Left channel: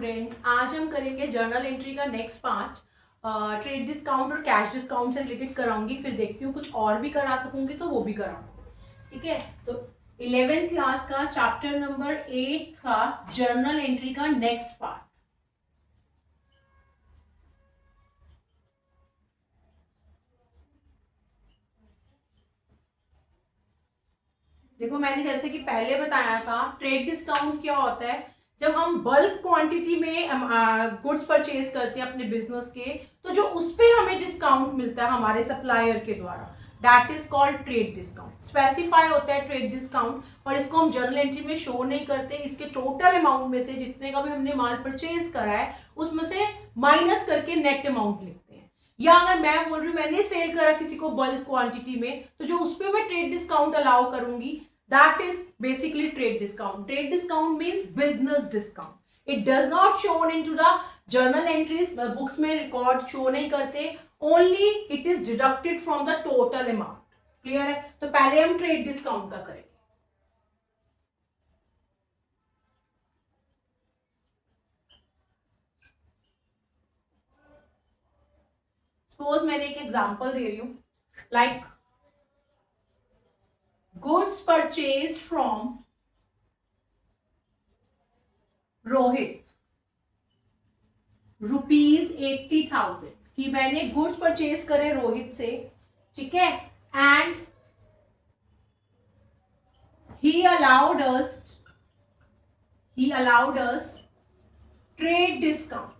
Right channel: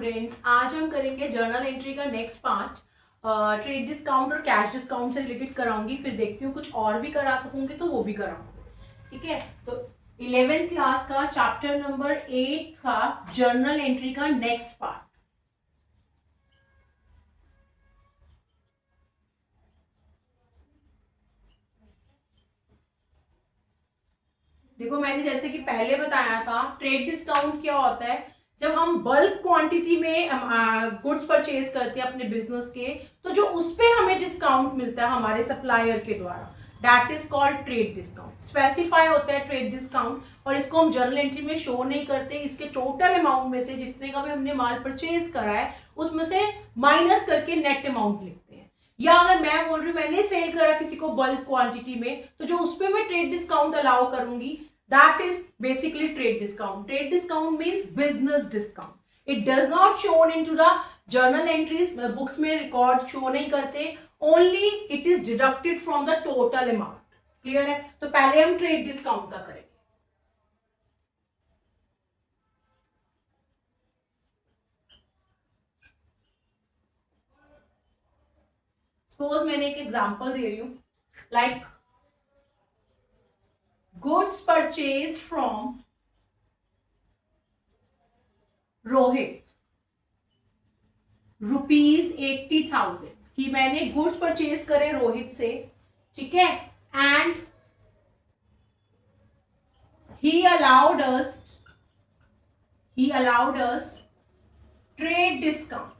Friends, आज हम करेंगे जर्नल एंट्री का नेक्स्ट पार्ट। ट्रेड डिस्काउंट और कैश डिस्काउंट से रिलेटेड कराऊंगी, फिर देखती हूँ कुछ और भी करा सकूंगी तो वो भी कराऊंगी। ठीक है, तो 11th क्लास का चैप्टर नंबर 8 था जर्नल एंट्री का नेक्स्ट पार्ट। देखो, मैंने जैसे कि पहले बताया था, ट्रेड डिस्काउंट क्या होता है। जब हम बल्क क्वांटिटी में गुड्स परचेज करते हैं अपने बिजनेस के, तो जो उस पे हमें डिस्काउंट मिलता है हमारे सप्लायर के द्वारा, that is called trade discount. Specify होता है ट्रेड डिस्काउंट, और इसको हम जर्नल एंट्री में शो नहीं करते। इसके टोटल अमाउंट में से जितने का भी हमने माल परचेज करा है उसमें से माइनस करके नेट अमाउंट लिखते हैं। या अगर मैं बोल रही हूँ मैंने सेल करा किसी को बल्क क्वांटिटी में, तो जो उस पर मैं ट्रेड डिस्काउंट अलाउ करूंगी, that is basically trade discount. Trade discount means business discount. It does not shown into the journal entries. Books में record show नहीं करते, only it is deducted from the total amount. Clear है? तो पहले हम trade discount का करेंगे। Suppose मैंने एक एग्जांपल दे रही हूँ, like goods purchased from Rohit, ₹80,000 कि मैंने गुड्स परचेज करे रोहित से, ठीक है, and he allowed us trade discount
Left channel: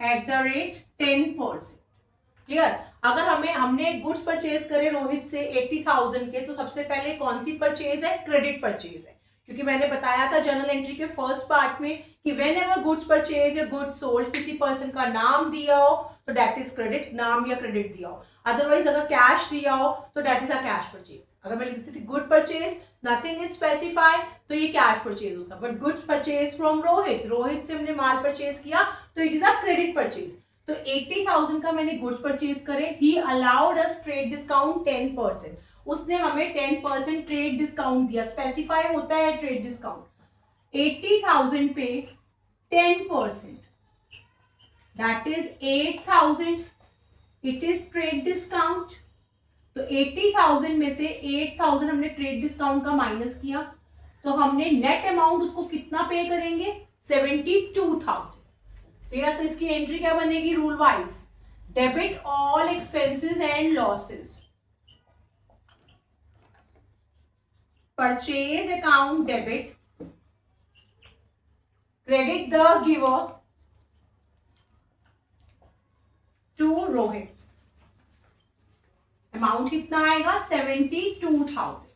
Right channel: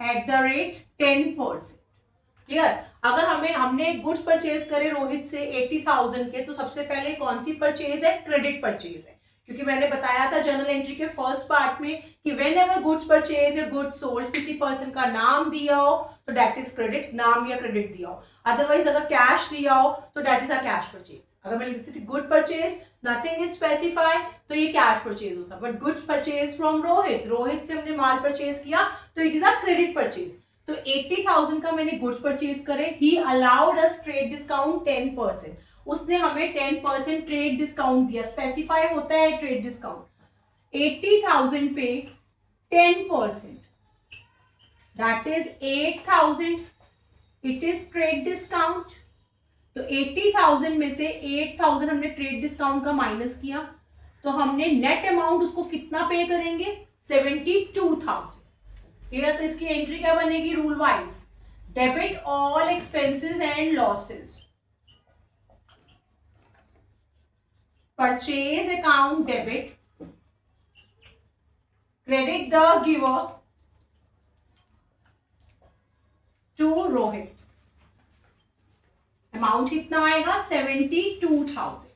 at the rate 10%। Clear? अगर हमने गुड्स परचेज करे रोहित से 80,000 के, तो सबसे पहले कौन सी परचेज है? क्रेडिट परचेज है, क्योंकि मैंने बताया था जर्नल एंट्री के फर्स्ट पार्ट में कि व्हेन एवर गुड्स परचेज या गुड्स सोल्ड, किसी पर्सन का नाम दिया हो तो दैट इज क्रेडिट, नाम या क्रेडिट दिया हो। अदरवाइज अगर कैश दिया हो तो that is a cash purchase. अगर मैंने लिखती थी good purchase, nothing is specify, तो ये कैश परचेज होता। But goods purchase from Rohit से हमने माल परचेज किया तो it is a credit purchase. तो 80,000 का मैंने गुड्स परचेज करे, ही अलाउड अस ट्रेड डिस्काउंट 10%। उसने हमें 10% ट्रेड डिस्काउंट दिया। स्पेसिफाई होता है ट्रेड डिस्काउंट 80,000 पे 10%, that is 8,000, it is trade discount. तो 80,000 में से 8,000 हमने ट्रेड डिस्काउंट का माइनस किया, तो हमने नेट अमाउंट उसको कितना पे करेंगे? 72,000। क्लियर? तो इसकी एंट्री क्या बनेगी rule wise? Debit all expenses and losses, purchase account debit, credit the giver to Rohit. Amount कितना आएगा? 72,000।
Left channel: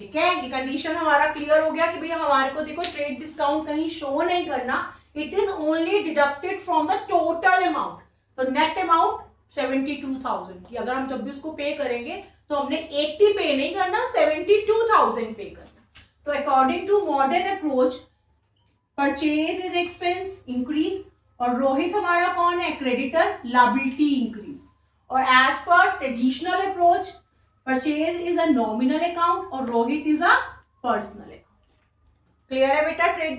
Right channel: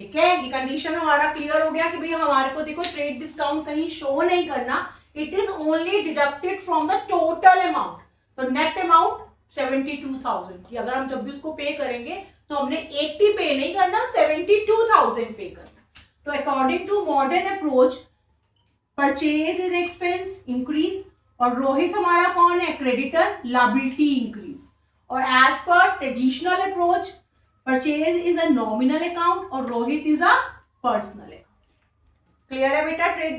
ठीक है, ये कंडीशन हमारा क्लियर हो गया कि भैया हमारे को देखो ट्रेड डिस्काउंट कहीं शो नहीं करना, it is only deducted from the total amount. तो नेट अमाउंट 72,000 की अगर हम जब भी उसको पे करेंगे तो हमने 80 पे नहीं करना, 72,000 पे करना। तो according to modern approach, purchase is expense increase, और रोहित हमारा कौन है? Creditor, liability increase. और as per traditional approach, purchase is a nominal account और Rohit is a personal account. Clear है बेटा? ट्रेड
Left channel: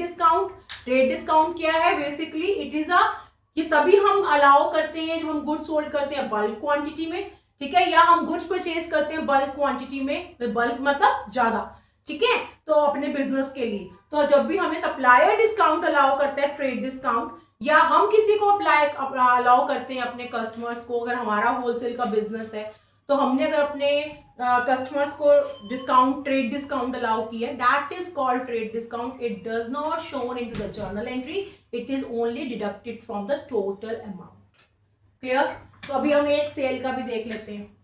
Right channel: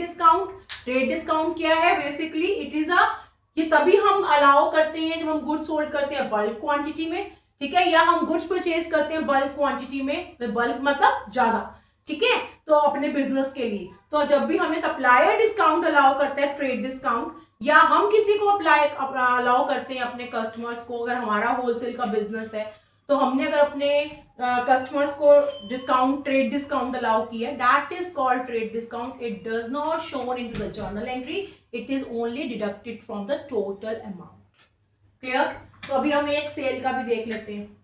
डिस्काउंट क्या है? बेसिकली इट इज अ, ये तभी हम अलाउ करते हैं जब हम गुड्स सोल्ड करते हैं बल्क क्वांटिटी में, ठीक है, या हम गुड्स परचेज करते हैं बल्क क्वांटिटी में, बल्क मतलब ज्यादा, ठीक है, तो अपने बिजनेस के लिए। तो जब भी हमें सप्लायर डिस्काउंट अलाउ करता है ट्रेड डिस्काउंट, या हम किसी को अलाउ करते हैं अपने कस्टमर्स को, अगर हमारा होलसेल का बिजनेस है तो हमने अगर अपने कस्टमर्स को डिस्काउंट, ट्रेड डिस्काउंट अलाउ किया, that is called trade discount. It does not shown into the journal entry, it is only deducted from the total amount. Clear? तो अभी हम एक सेल का भी देख लेते हैं।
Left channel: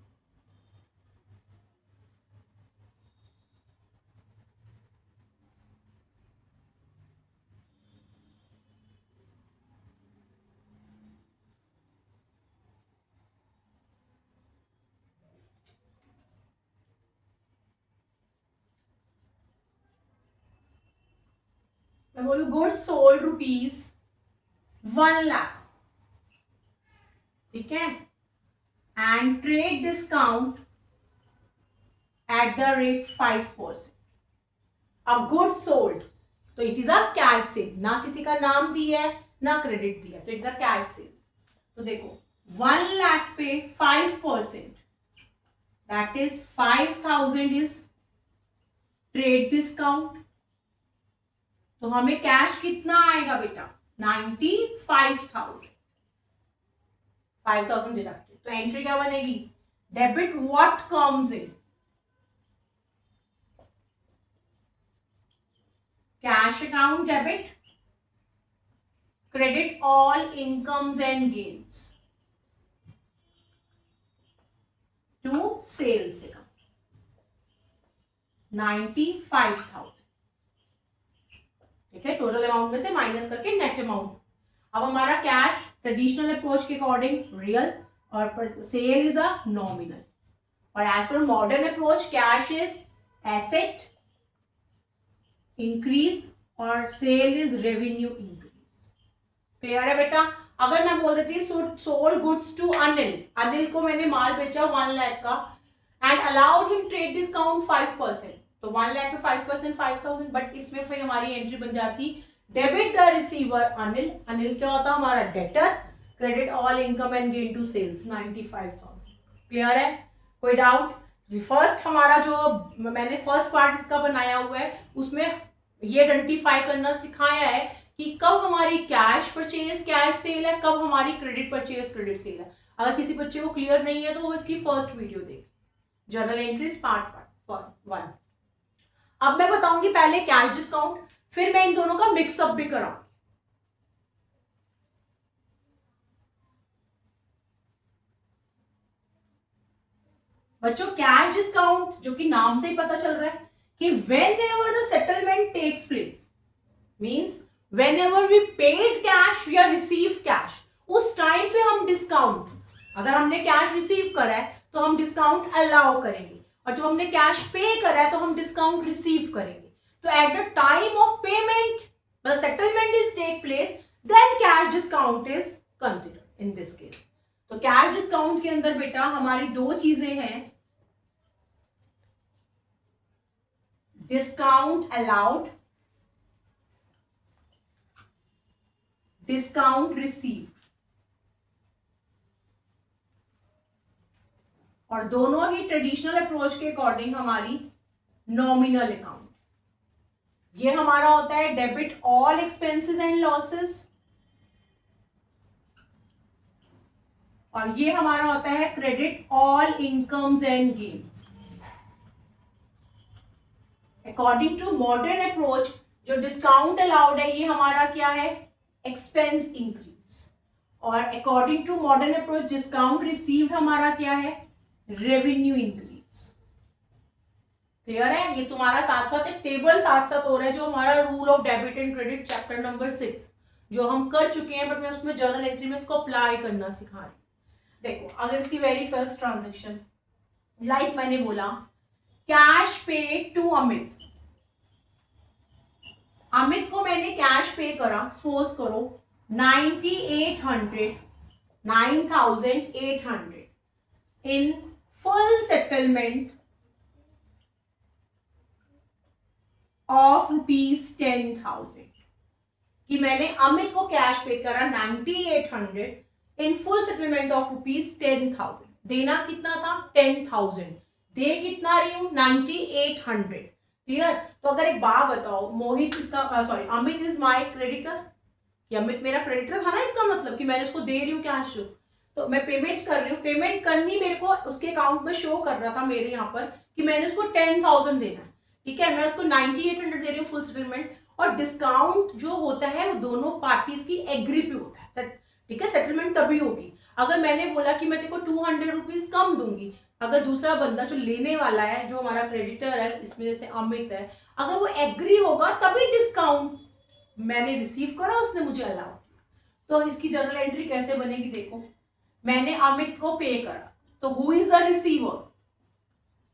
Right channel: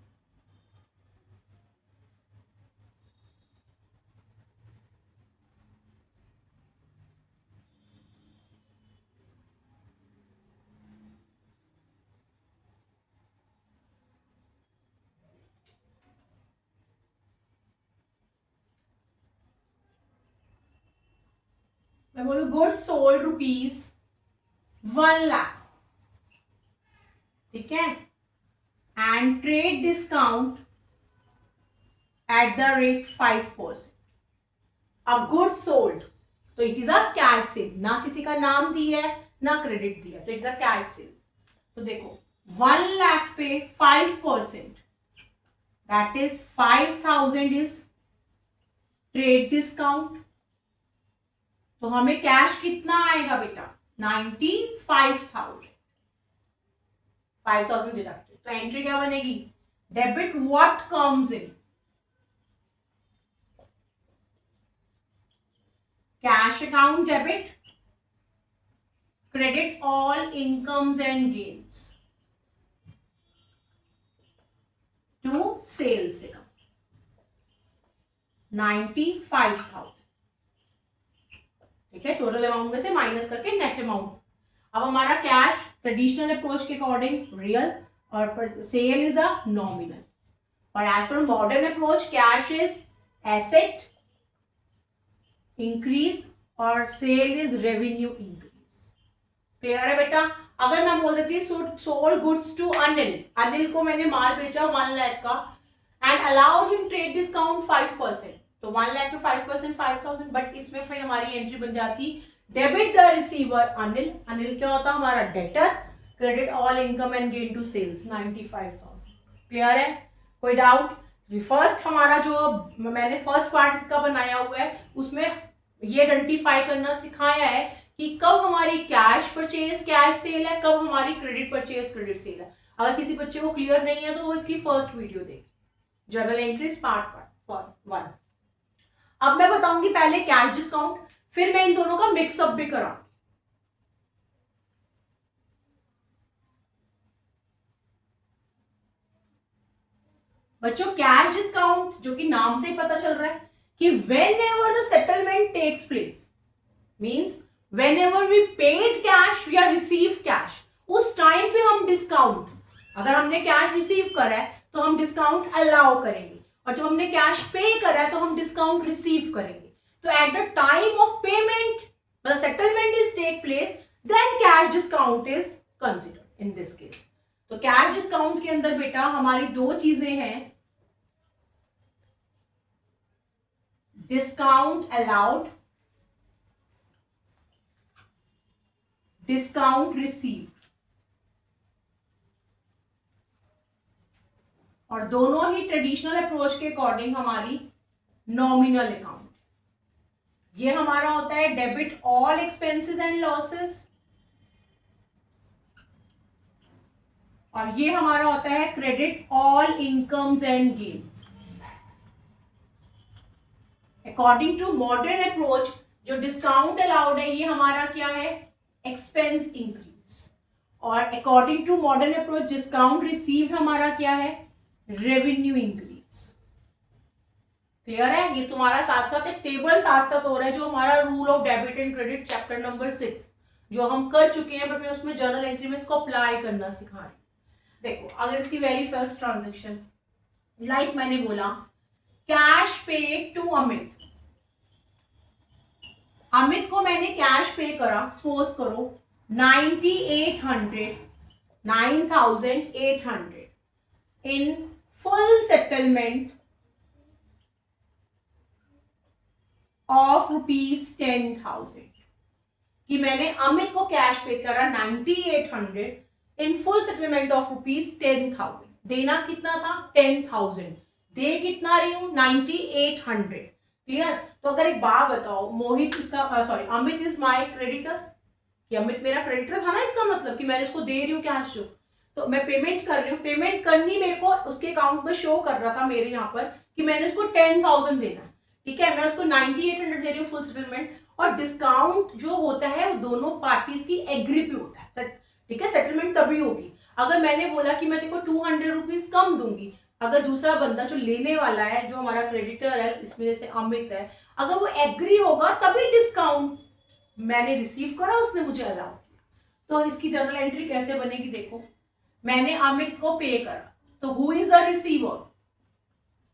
मैं बोलू गुड्स सोल्ड ₹1,00,000, ठीक है, and trade discount at the rate 5%। अब गुड सोल्ड, तो it is a cash cell, ना किसी का नाम दिया है ना क्रेडिट दिया, तो it is a cash cell. तो देखो 1 लाख पे 5%, that is 5,000 is trade discount. तो हमें कैश कितना आएगा बेटा, 95,000, 5,000 डिडक्टेड। तो एंट्री क्या बनेगी, debit what comes in, cash account debit, credit all incomes and gains to sales account, 95,000। ठीक है, टोटल अमाउंट में से माइनस करके नेट अमाउंट। अब हमारा कैश ट्रेडिशनल अप्रोच के अकॉर्डिंग रियल और सेल इज अ नॉमिनल, और as per modern approach cash is asset increase और sale is revenue increase. Clear है बेटा। अगर मैं बोल देती sold goods to Anil, Anil को मैंने माल बेचा 1 लाख का and allowed him trade discount 5%, तो 1 लाख पे 5% 5,000, बट इसमें फिर हमारी एंट्री बन जाती debit the receiver Anil, Anil क्या होता हमारा debtor, credit all income and gain to sales 95,000। Clear है, कोई डाउट। फर्स्ट हमारा जो मैंने फर्स्ट पार्ट इसका बनाया हुआ है उसमें ये आइडेंटिफाई करना सिखाया है कि कब हमारी कैश परचेज कैश सेल है, कब हमारी क्रेडिट परचेज क्रेडिट सेल है। अगर किसी बच्चे को क्लियर नहीं है तो वो इसकी फर्स्ट वीडियो देखे, जर्नल एंट्रीज पार्ट 1। अब मैं बताऊंगी पहले कैश डिस्काउंट, फिर मैं इन दोनों का मिक्सअप भी कराऊंगी। बच्चों कैश डिस्काउंट जो कि नाम से ही पता चल रहा है कि whenever the settlement takes place means whenever we paid cash या receive cash, उस टाइम पे हम डिस्काउंट, अगर हमने कैश रिसीव करा है तो हम डिस्काउंट अलाउ करेंगे, और जब हमने कैश पे करा है तो हम डिस्काउंट रिसीव करेंगे। तो at the time of payment मतलब settlement is take place, then cash discount is considered in this case. तो कैश डिस्काउंट के अंदर बेटा हमारी दो चीजें हैं, डिस्काउंट अलाउड, डिस्काउंट रिसीव, और दोनों ही ट्रेडिशनल अप्रोच के अकॉर्डिंग हमारी नॉमिनल अकाउंट। ये हमारा होता है debit all expenses and losses, और ये हमारा होता है credit all incomes and gains. According to modern approach जो डिस्काउंट अलाउड है ये हमारा क्या है, एक्सपेंस इंक्रीज, और according to modern approach discount receive हमारा क्या है, रेवेन्यू इंक्रीज। क्लियर है, ये तुम्हारा साथ साथ एक टेबल साथ साथ हो रहा है जो हमारा rule of debit and credit chapter number 6 जो हम कर चुके हैं, बट मैं उसमें जर्नल एंट्री में इसको अप्लाई करना सिखा रही हूँ। देखो अगर इसकी वेरी फर्स्ट ट्रांजेक्शन लाइक मैंने बोला कैश पे टू अमित, अमित को मैंने कैश पे करा, सपोज करो 9,800 इन फुल सेटलमेंट ऑफ ₹10,000, कि मैंने अमित को कैश पे करा 9,800 इन फुल सेटलमेंट ऑफ ₹10,000। देना कितना था, 10,000, दे कितना रही हूं, 9,800। क्लियर। तो अगर एक बात बताओ, मोहित इसका sorry Amit is my creditor, कि अमित मेरा क्रेडिटर था ना, इसका मतलब कि मैंने उसको दे रही हूँ कैश जो, तो मैं पेमेंट कर रही हूँ, पेमेंट करनी मेरे को उसके अकाउंट में शो कर रहा था मेरे यहाँ पर कि मैंने उसको 10,000 देना है। ठीक है, मैं उसको 9,800 दे रही हूँ फुल सेटलमेंट, और डिस्काउंट जो होता है वो दोनों पार्टीज की एग्री पे होता है। ठीक है, सेटलमेंट तभी होगी अगर मैंने बोला कि मैं तेरे को 200 रुपीज कम दूंगी, अगर दूसरा बंदा जो लेने वाला है जो हमारा क्रेडिटर है इसमें जैसे अमित है, अगर वो एग्री होगा तभी डिस्काउंट मैंने रिसीव करा, उसने मुझे अलाउ किया। तो इसकी जर्नल एंट्री कैसे बनेगी, देखो मैंने अमित को पे करा, तो who is the receiver,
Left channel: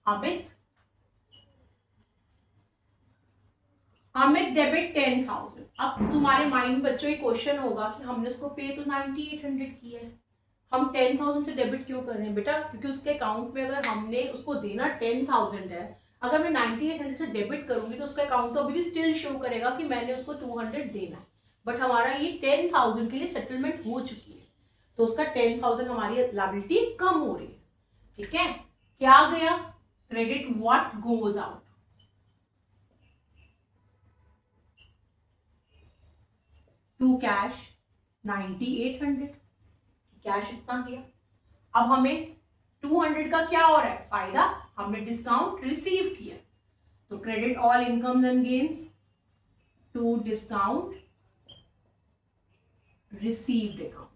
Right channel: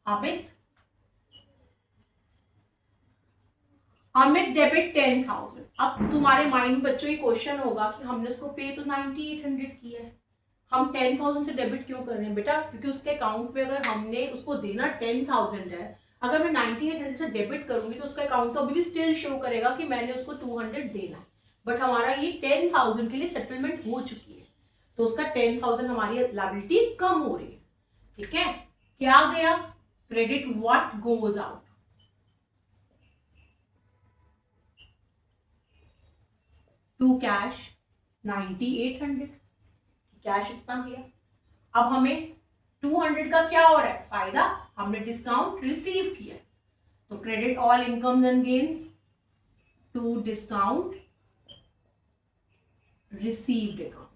Amit, Amit debit 10,000। अब तुम्हारे माइंड में बच्चों ये क्वेश्चन होगा कि हमने उसको पे तो 9,800 किया है, हम 10,000 से डेबिट क्यों कर रहे हैं बेटा, क्योंकि उसके अकाउंट पे अगर हमने उसको देना 10,000 है, अगर मैं 9800 से डेबिट करूंगी तो उसका अकाउंट तो अभी भी स्टिल शो करेगा कि मैंने उसको 200 देना है, बट हमारा ये 10,000 के लिए सेटलमेंट हो चुकी है, तो उसका 10,000 हमारी लायबिलिटी कम हो रही है। ठीक है, क्या गया? Credit what goes out, to cash 9800, cash इतना गया। अब हमें 200 का क्या हो रहा है फायदा, हमने डिस्काउंट रिसीव किया, तो credit all income and gains to discount received account.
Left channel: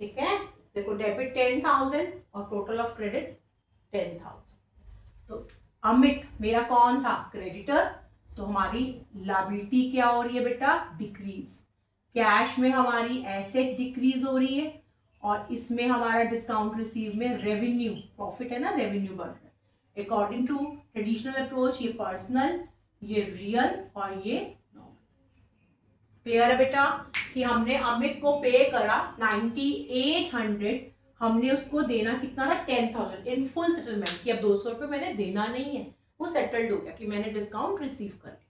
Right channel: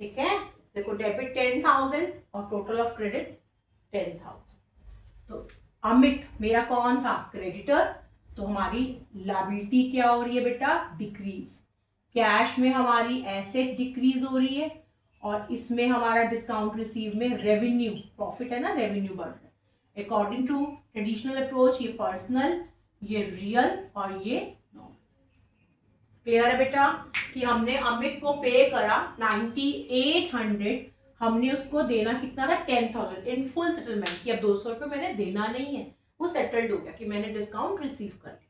ठीक है, देखो डेबिट 10,000 और टोटल ऑफ क्रेडिट 10,000। तो अमित मेरा कौन था? क्रेडिटर, तो हमारी लायबिलिटी क्या हो रही है बेटा? डिक्रीज। कैश में हमारी एसेट डिक्रीज हो रही है, और इसमें हमारा डिस्काउंट रिसीव में रेवेन्यू, प्रॉफिट है ना, रेवेन्यू बढ़ रहा है। अकॉर्डिंग टू ट्रेडिशनल अप्रोच ये पर्सनल, ये रियल और ये नॉमिनल। क्लियर है बेटा कि हमने अमित को पे करा 9800, हमने उसको देना कितना था? 10,000 इन फुल सेटलमेंट, कि अब 200 रुपये मैंने देना नहीं है, वो सेटल्ड हो गया कि मैंने डिस्काउंट रिसीव कर लिया।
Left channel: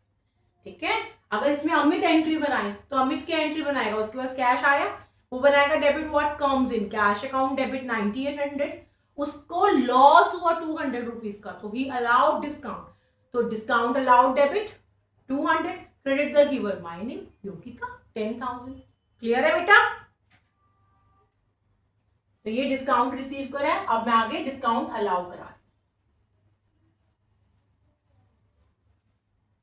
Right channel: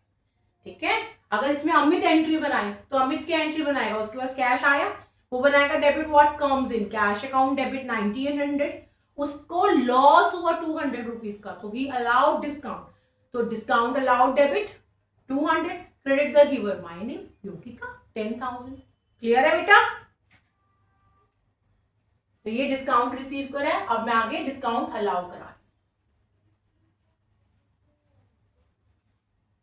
ठीक है, अगर इसमें अमित एंट्री बनाए तो अमित क्या एंट्री बनाएगा? उसके पास कैश आया, वो बनाएगा debit what comes in, cash account debit 9800, उसको लॉस हुआ 200 रुपीज का, तो ही अलाउड डिस्काउंट, तो discount allowed debit 200, credit the giver माइने योगिका 10,000। क्लियर है बेटा? तो ये डिस्काउंट रिसीव करा है, अब मैं आगे डिस्काउंट अलाउ करा,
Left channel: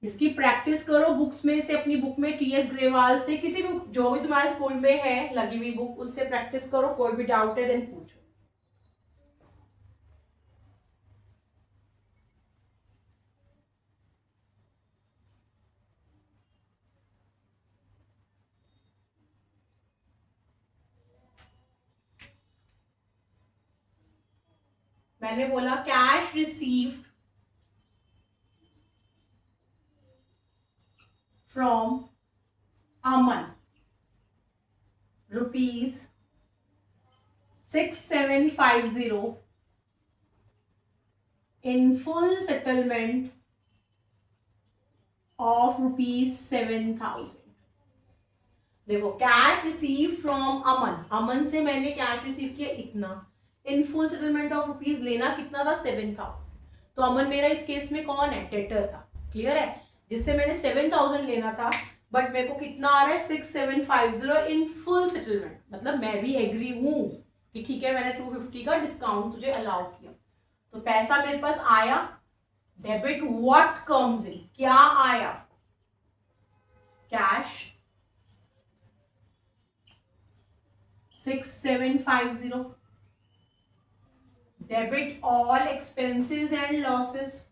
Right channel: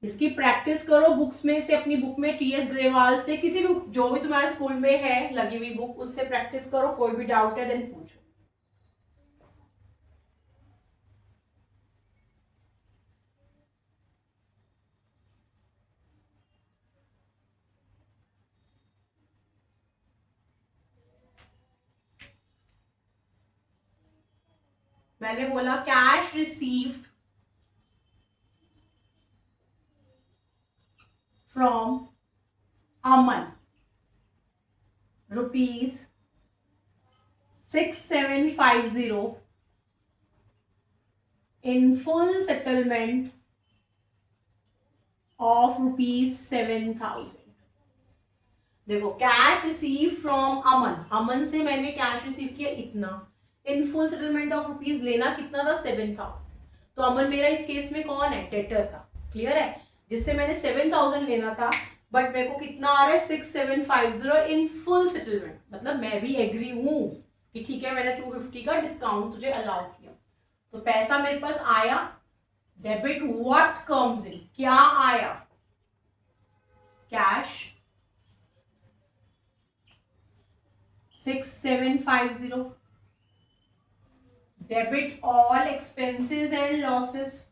इसकी प्रैक्टिस करो बुक्स में से, अपनी बुक में टीएस ग्रेवाल से, किसी भी जो भी तुम्हारे स्कूल में है लगी हुई बुक, उससे प्रैक्टिस करो, कोई भी डाउट है देन पूछो। मैंने बोला cash received from Aman rupees 6750 in full settlement of rupees 7,000। देखो कैश रिसीव फ्रॉम अमन, अमन से मैंने कैश रिसीव किया इतना, इन फुल सेटलमेंट ऑफ रुपीज लेना कितना था? 7,000। तो अमन मेरा इस केस में कौन है? डेटर था। क्लियर है, जिससे मैंने 7,000 लेना था, बट मेरे को कितना आ रहा है? 6750 इन फुल सेटलमेंट, मतलब मैं भी एग्री हूं कि ठीक है मैंने 250 का डिस्काउंट तुझे अलाउ किया, तो पैसा मेरे पास आया, डेबिट व्हाट कम्स इन, क्या आया? Cash 6750, debit all expenses and losses,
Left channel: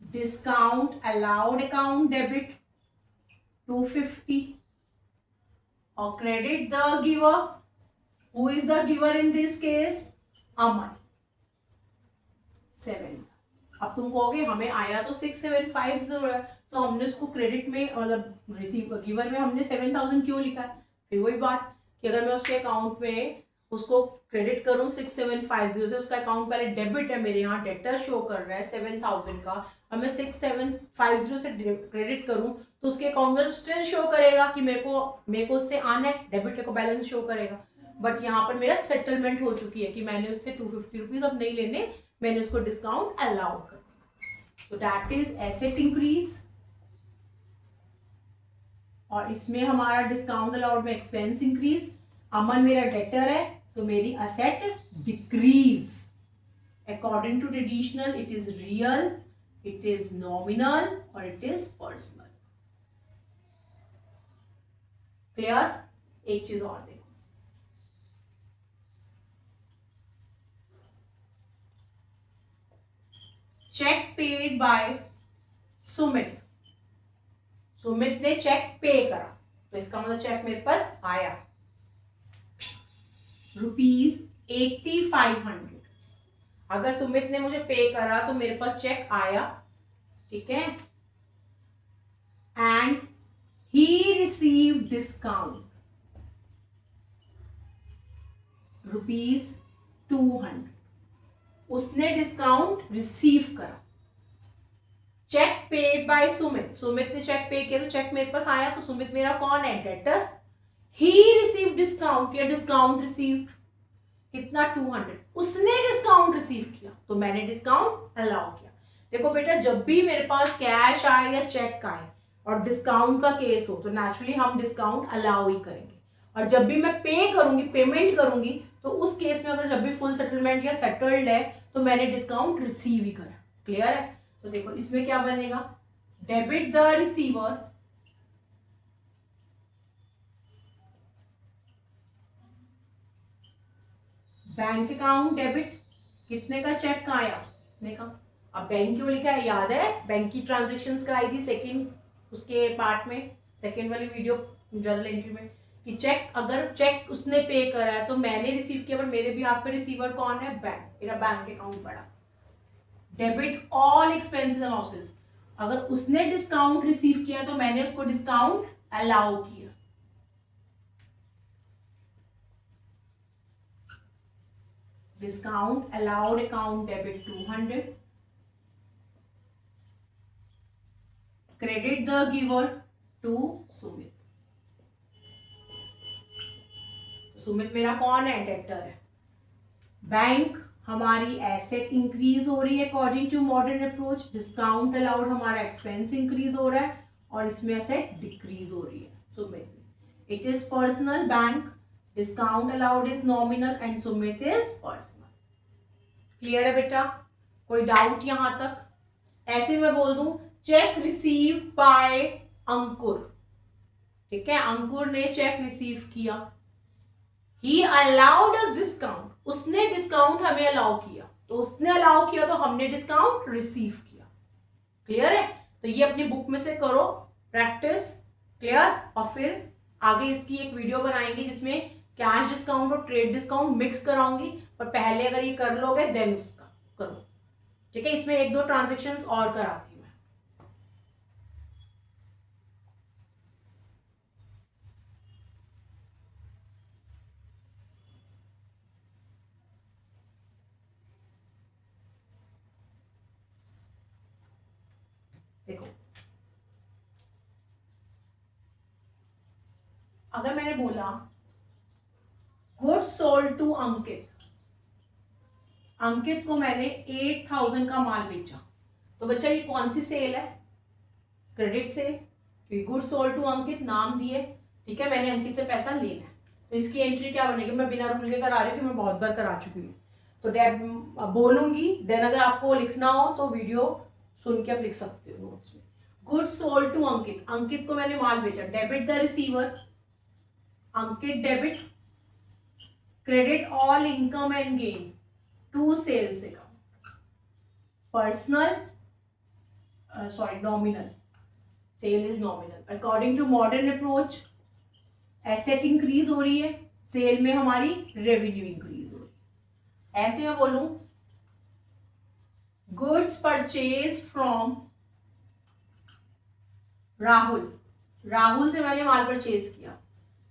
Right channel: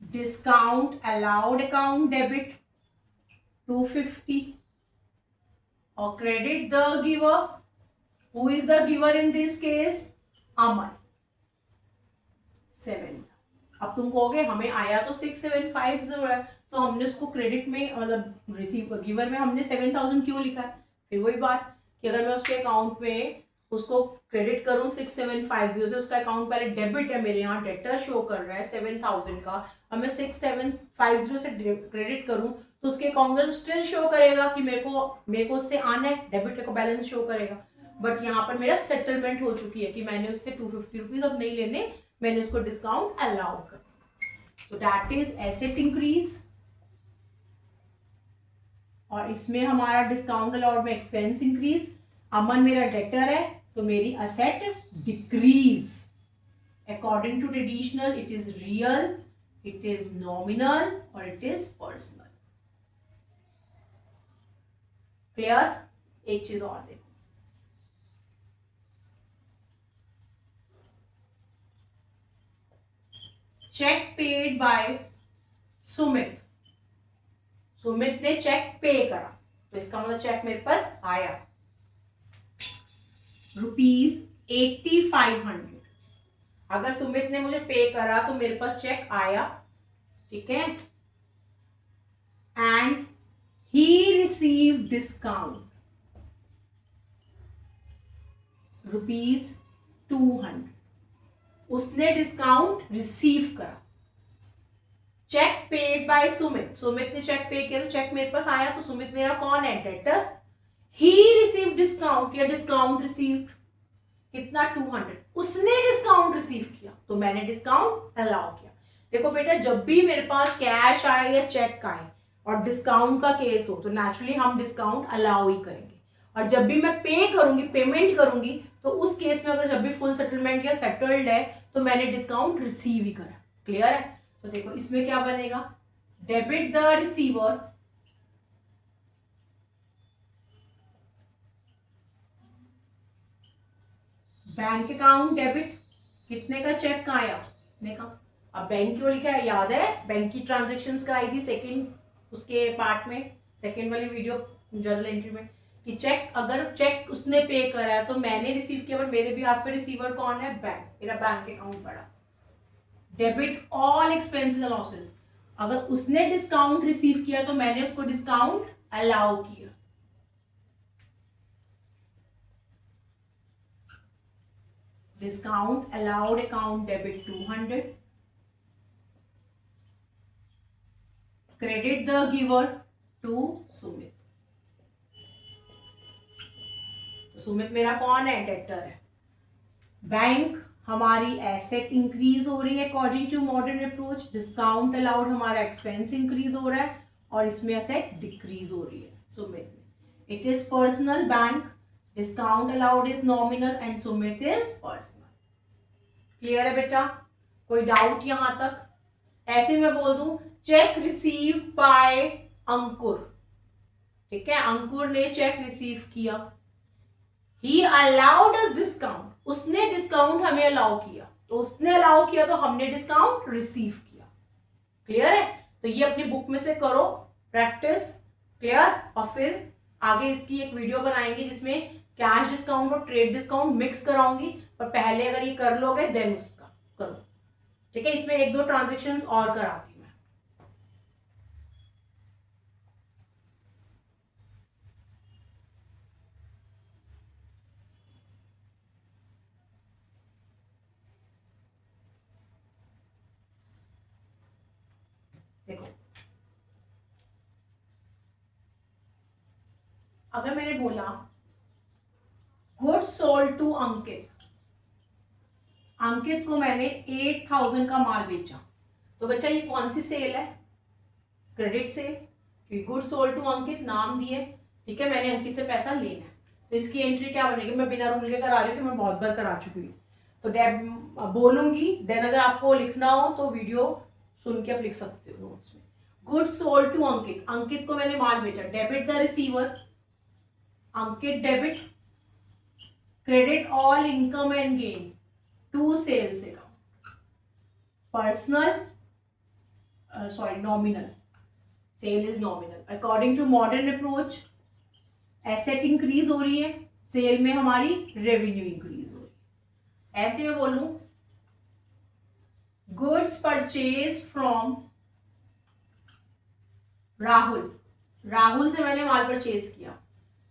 discount allowed account debit 250, or credit the giver, who is the giver in this case? Aman 7। अब तुम कहोगे हमें आया तो 6750 है, तो हमने उसको क्रेडिट में मतलब रिसीव गिवर में हमने 7,000 क्यों लिखा है? फिर वही बात कि अगर मैं उसके अकाउंट में उसको क्रेडिट करूं 6750 से, उसका अकाउंट पहले डेबिट है, मेरे यहाँ डेटर शो कर रहा है 7,000 का, अब मैं 6750 से क्रेडिट करूं तो उसके अकाउंट में स्टिल शो करेगा कि मेरे को उससे आना है, डेबिट को बैलेंस शो करेगा, बट यहाँ पर मेरा सेटलमेंट हो चुकी है कि मैंने उससे 250 रुपीज अब नहीं लेने, मैंने उसको डिस्काउंट अलाउ कर, तो दैट इज एसेट इंक्रीज, और इसमें हमारा डिस्काउंट अलाउड में एक्सपेंस इंक्रीज। अमन मेरा डेटर है तो मेरी asset decrease. According to traditional it is real, it is nominal और इट इज पर्सनल। क्लियर? एक चीज और देखो, cheque paid by Sumit, Sumit ने चेक पे करा, तो इसका मतलब चेक मेरे पास आया ₹8500। अगर सुमित ने मुझे पे करा तो मेरे पास चेक आया, ठीक है, एंड ही रिसीव डिस्काउंट 200, उसने डिस्काउंट रिसीव करा। Cheque paid by Sumit, Sumit ने चेक पे किया तो चेक मेरे पास आया, तो सुमित मेरा कौन है? डेटर। ही रिसीव डिस्काउंट या डिस्काउंट रिसीव्ड कितना? 200, उसने डिस्काउंट रिसीव किया तो मैंने डिस्काउंट अलाउ किया। देखो बेटा, जब भी मेरे पास कैश आए या चेक आए और डिस्काउंट का केस हो तो नेचुरली हम डिस्काउंट अलाउ ही करेंगे, और जब भी मैं पे करूंगी, पेमेंट करूंगी, तो उस केस में अगर जब भी फुल सेटलमेंट या सेटल्ड है तो मैंने डिस्काउंट रिसीव ही करा। क्लियर है? तो देखो इसमें क्या बनेगा? Debit the receiver bank account debit, कितने का चेक का आया? देखा। अब बैंक क्यों लिखा है? याद है बैंक की ट्रांजेक्शन्स कराई थी सेकंड उसके पार्ट में, सेकंड वाली वीडियो जर्नल एंट्री में, कि चेक, अगर चेक उसने पे करा है तो मैंने रिसीव किया, पर मेरे भी हाथ पे रिसीवर कौन है? बैंक, मेरा बैंक अकाउंट पड़ा। Debit all expenses and losses, अगर उसने डिस्काउंट रिसीव किया तो मैंने उसको डिस्काउंट अलाउ किया। Discount allowed account debit 200, credit the giver to Sumit, तो सुमित मेरा कौन है? डेटर है। बैंक हमारी एसेट इंक्रीज हो रही है according to modern approach, discount allowed हमारा एक्सपेंस इंक्रीज हो रहा है और इसमें एसेट डिक्रीज हो रही है Sumit. It is personal bank, discount allowed is nominal and Sumit is personal. Clear है बेटा? कोई डाउट यहां तक? ऐसे मैं बोल दूं चेक रिसीव बाय अंकुर, ठीक है, अंकुर ने चेक रिसीव किया। ही अलाउड अस डिस्काउंट, उसने डिस्काउंट हमें अलाउ किया, तो उसने अलाउ किया तो हमने डिस्काउंट रिसीव किया। क्लियर है? तो ये अपनी बुक में से करो प्रैक्टिस। क्लियर? और फिर आगे इसकी एक वीडियो बनाएंगे जिसमें कैश डिस्काउंट और ट्रेड डिस्काउंट मिक्स कराऊंगी, पर पहले अगर ये कर लोगे देन उसका करो। ठीक है? इसमें एक दो ट्रांजेक्शन्स और कराती हूँ मैं। देखो, अगर मैंने बोला goods sold to Ankit, Ankit को मैंने 8000 का माल बेचा, तो बच्चा ये कौन सी सेल है? क्रेडिट सेल, क्योंकि गुड्स सोल्ड टू अंकित नाम दिए, ठीक है, मैंने अंकित से पैसा लेना है, तो इसकी एंट्री क्या बनेगी? मैं बिना रूल के करा रही हूँ, मैं बहुत बार करा चुकी हूँ, तो बोलूंगी, देन अगर आपको लिखना हो तो वीडियो सुन के आप लिख सकते हो नोट्स में। Goods sold to Ankit, Ankit को मैंने माल बेचा, debit the receiver, Ankit debit, credit all income and gain to sales account, personal nominal, sale is nominal according to modern approach, asset increase हो रही है, सेल में हमारी रेवेन्यू इंक्रीज हो रही है। ऐसे मैं बोलूं goods purchase from Rahul, Rahul से मैंने माल परचेज किया,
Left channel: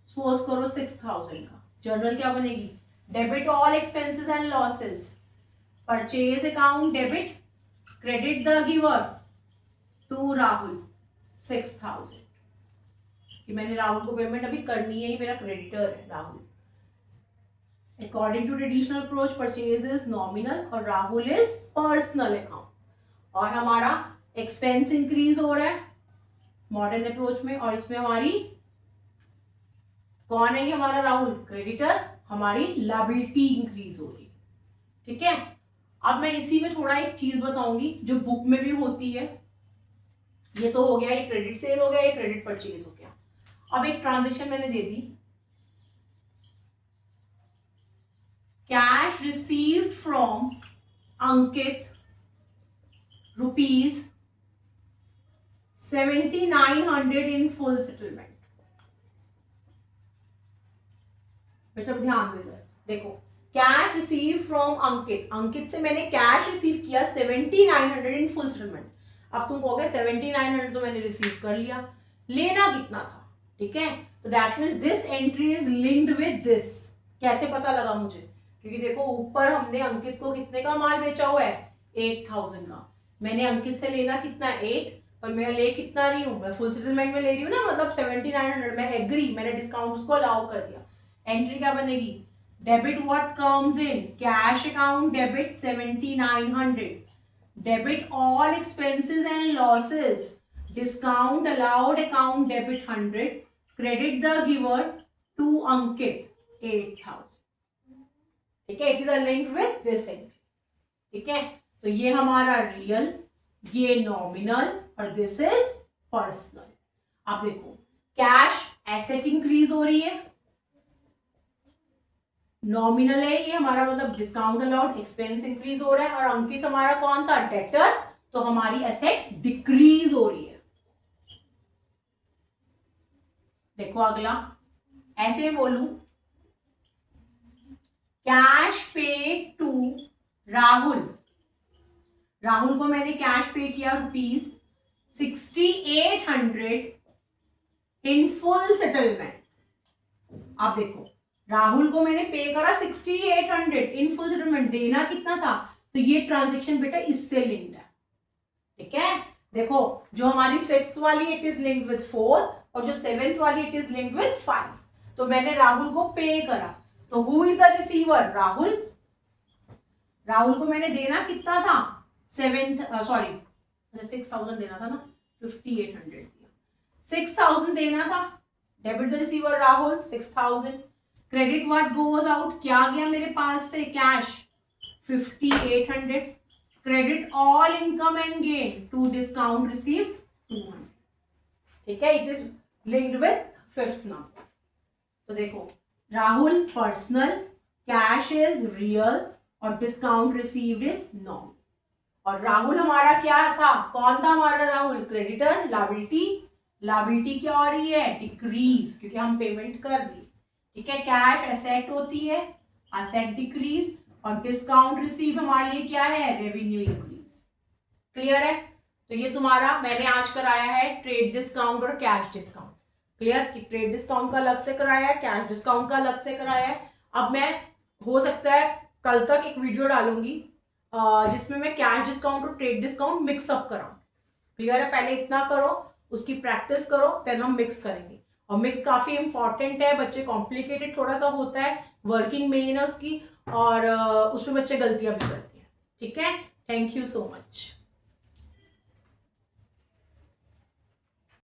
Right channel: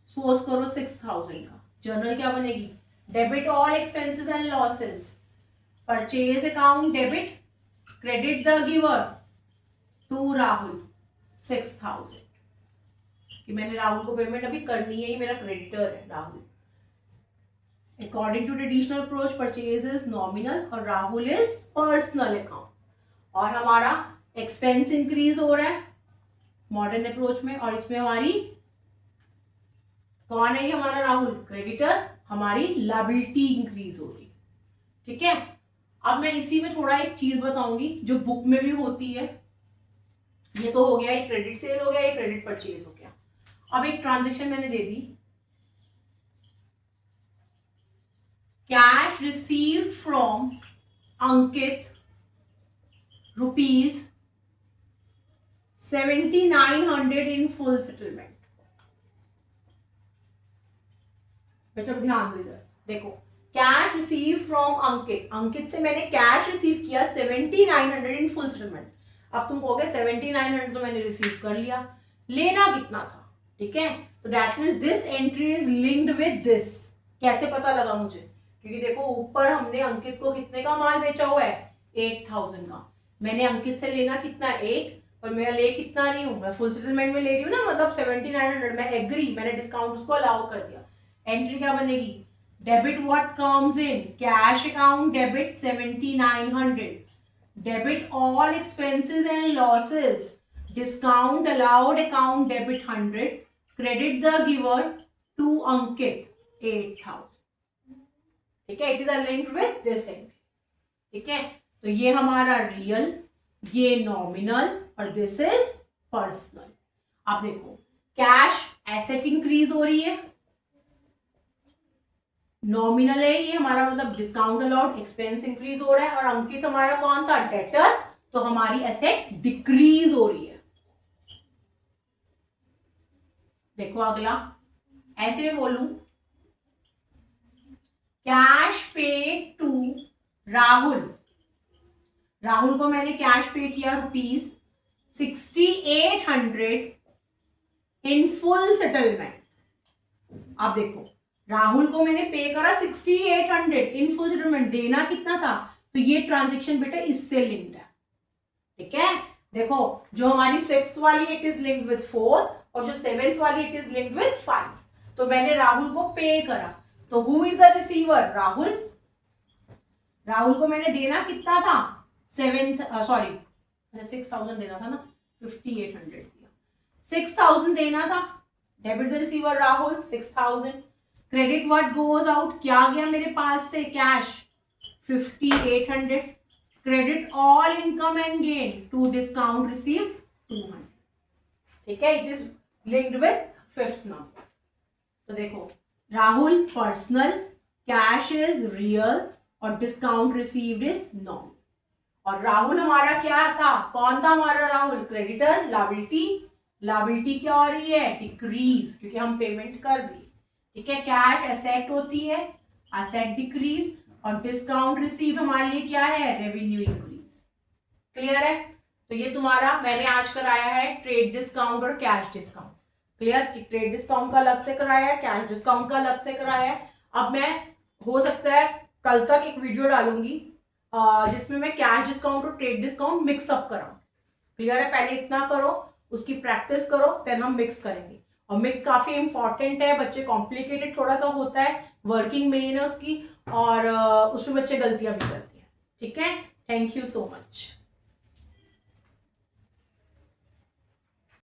सपोज करो 6000 का, जर्नल क्या बनेगी? Debit all expenses and losses, purchase account debit, credit the giver to Rahul 6000, कि मैंने राहुल को पेमेंट अभी करनी है, ही मेरा क्रेडिटर है Rahul. According to traditional approach purchase is nominal और राहुल इज पर्सनल अकाउंट, और हमारा एक्सपेंस इंक्रीज हो रहा है मॉडर्न अप्रोच में, और इसमें हमारी कौन है? हमारा राहुल क्रेडिटर, हमारी लायबिलिटी इंक्रीज हो रही। ठीक है? अब मैं इसी में थोड़ा एक चीज बताऊंगी जो बुक में भी होती है। ये तो हो गया, ये क्रेडिट सेल हो गया, ये क्रेडिट परचेज हो गया। अब एक ट्रांजेक्शन मैंने दे दी, cash received from Ankit rupees 7900 in full settlement. बेटा ध्यान दो इधर, देखो cash receive from Ankit, Ankit से मैंने कैश रिसीव किया 7900 इन फुल सेटलमेंट। अब तुम कहोगे 7900 तो मैंने रिसीव कर लिया, लेना कितना था? ठीक है, तो that means this entry is linked with this. कैसे पता लगा मुझे कि क्योंकि देखो ऊपर हमने अंकित को कितने का माल बेचा हुआ है, 8000 का। मैंने अंकित से लेना कितना, 8, पर मैं ले कितना रही हूँ, मैं फुल सेटलमेंट में ले रही हूँ ना, मतलब 7900। मैं एग्री, मैंने डिस्काउंट उसको अलाउ कर दिया। एंट्री क्या बनेगी, debit what comes in, cash account debit 7900, debit all expenses and losses, discount allowed account debit 100, credit the giver to Ankit 8000। ठीक है, it is linked with this entry. ठीक है, तो ये हमारा रियल, ये नॉमिनल और दिस इज पर्सनल। आप देखो कैश एसेट इंक्रीज हो रही है, नॉमिनल है ये हमारा, मतलब डिस्काउंट अलाउड एक्सपेंस इंक्रीज हो रहा है, और अंकित हमारा कौन था, डेटर, तो हमारी एसेट डिक्रीज हो रही है। देखो अगला, ऐसे में बोलूं, कैश पे टू राहुल, राहुल को मैंने कैश पे किया ₹6800 इन फुल सेटलमेंट। आप देखो राहुल को मैंने पे करा 6800 इन फुल सेटलमेंट, देना कितना था, तो ये ट्रांजेक्शन बेटा इससे लिंक्ड है। ठीक है, देखो जो हमारी 6th वाली इट इज लिंक्ड विद 4 और जो 7th वाली इट इज लिंक्ड विद 5। तो मैंने राहुल को पे करा, तो who is the receiver, Rahul. Rahul को मैंने देना कितना था, 6000 देना था ना, 5800 दिया, 6000 देना था, debit the receiver Rahul 6000, credit what goes out, क्या गया मेरे पास से, cash 5800, credit all income and gain to discount received 200। ठीक है, it is linked with 5th number. तो देखो Rahul personal, cash is real और डिस्काउंट रिसीव्ड इज नॉन। और राहुल हमारा क्या था, कौन था हमारा राहुल, क्रेडिटर, लायबिलिटी, लायबिलिटी क्या हो रही है, डिक्रीज, क्योंकि हम पेमेंट कर दी। ठीक है, कैश एसेट होती है, एसेट डिक्रीज, और डिस्काउंट रिसीव हमारे लिए क्या है, रेवेन्यू इंक्रीज। क्लियर है, तो ये तुम्हारा मैंने आज कराया है ट्रेड डिस्काउंट और cash discount. Clear, trade discount का अलग से कराया है, कैश डिस्काउंट का अलग से कराया है। अब मैं हो सकता है कल तक एक वीडियो डालूंगी जिसमें मैं कैश डिस्काउंट और ट्रेड डिस्काउंट मिक्स अप कराऊं। क्लियर है, पहले इतना करो, उसकी प्रैक्टिस करो, देन हम मिक्स करेंगे। और मिक्स काफी इंपॉर्टेंट है, बच्चे कॉम्प्लिकेटेड थोड़ा सा होता है, वर्किंग मेन है उसकी, और उसमें बच्चे गलतियां भी करते हैं। ठीक है, थैंक यू सो मच।